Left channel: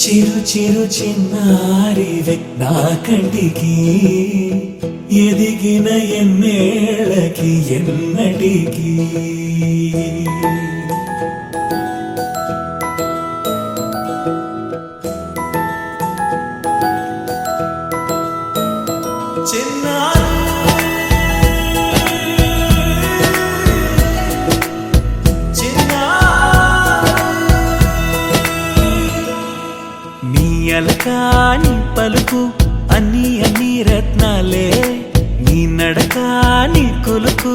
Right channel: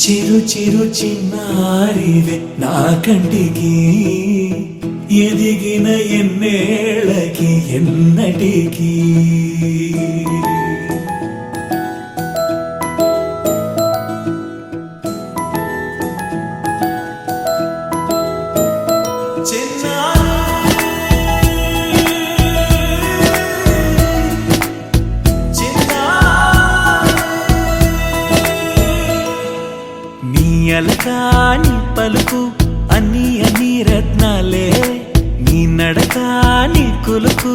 చిరు చిరు చిన్నారివే నా కంటికి ఎదిగిన ఎన్నేళ్ళకి ఎన్నటికి అలకాని పలుకు అన్ని అన్ని రత్నాలే నీ నడకాని కులుకు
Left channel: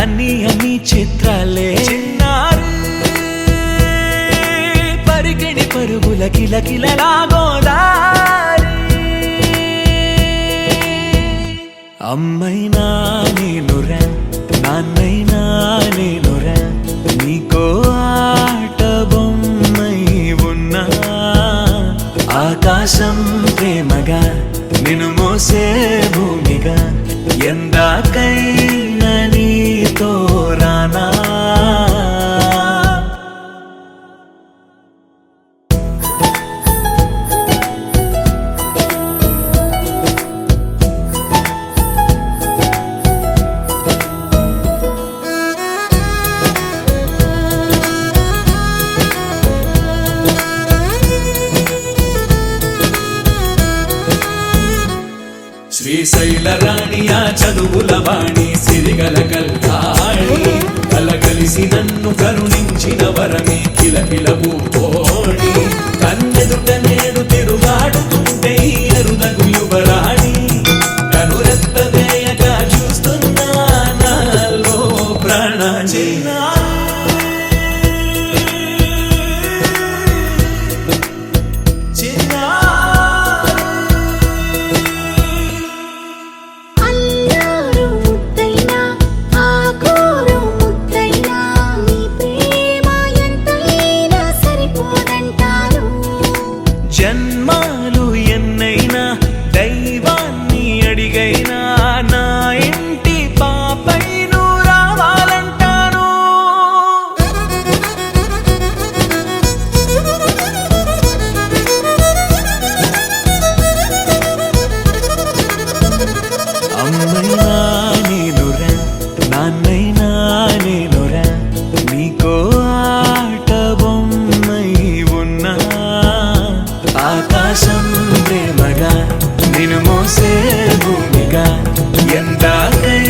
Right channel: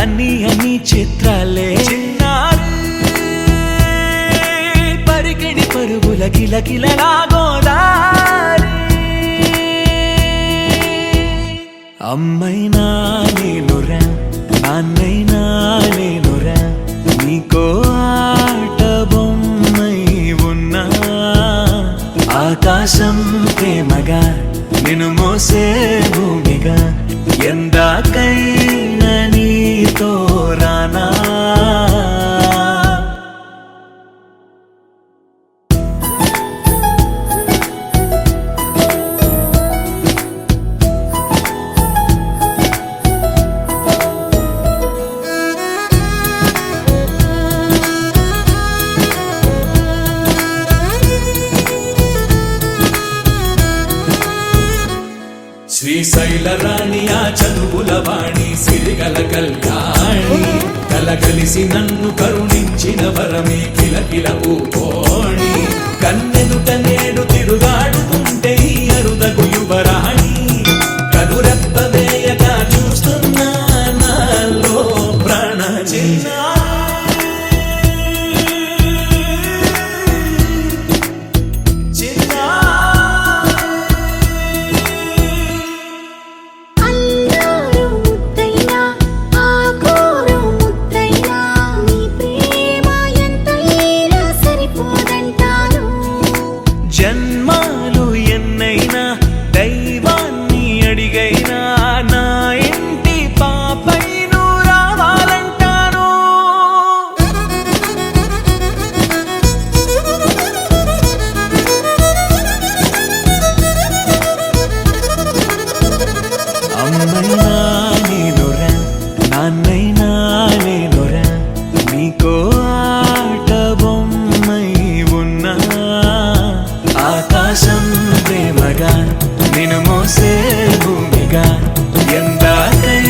అన్ని అన్ని చిత్రాలే చిన్నారు పరికిణి పరుగుల కిలకిలలాగోదారి అమ్మైనా నేనురా నాన్నైనా నేనురా నీకో ఆట బొమ్మై ఉన్నా ఆకాశం ప్రేమగా నిన్ను మోసే భూమిగా ఎందాకైనా నీతో రానా శ్రీశైల రాణి ఆ చదువుల వాణి సిరిగల కళ్యాణి కలగలిసి నన్ను కరుణించిన వరమే కిలకిల పూకోణి కన్నెదుట నేడు తిరుగాడుతుంటే ఈ అరుదకు యువరాణి కనురెప్ప వేయక చూస్తున్నా నాలో ప్రాణ చిన్న జన్మాలు ఎన్నైనా దైవాన్ని అడిగైనా నా ఇంటి పాపై నువ్వు రావాలంటాను అమ్మైనా నేనురా నాన్నైనా నేనురా నీకో ఆట బొమ్మై ఉన్నా ఆకాశం ప్రేమగా నిన్ను మోసే భూమిగా ఎందాకై